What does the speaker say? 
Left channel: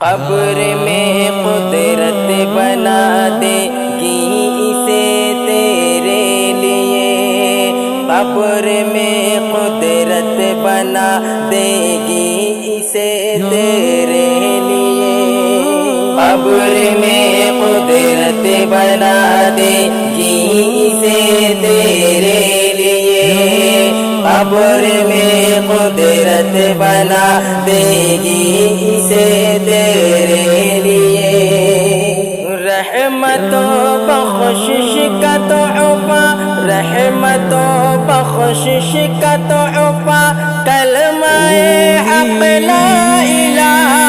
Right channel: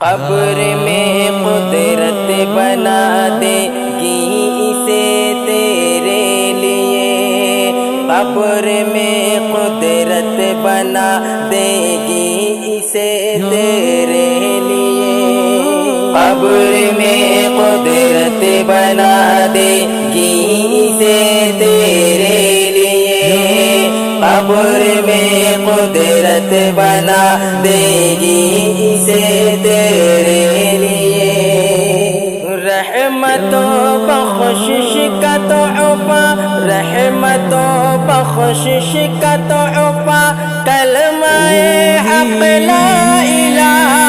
कब्र में कुदरत बना देगी इसे तेरे लिए, कब्र में कुदरत बना देगी इसे तेरे लिए, कब्र में कुदरत बना देगी इसे तेरे लिए, कब्र में कुदरत बना देगी इसे रहमतों बख्शिश का तोहफा, रहमतों बख्शिश का तोहफा, कलमाए हक़ ला इलाहा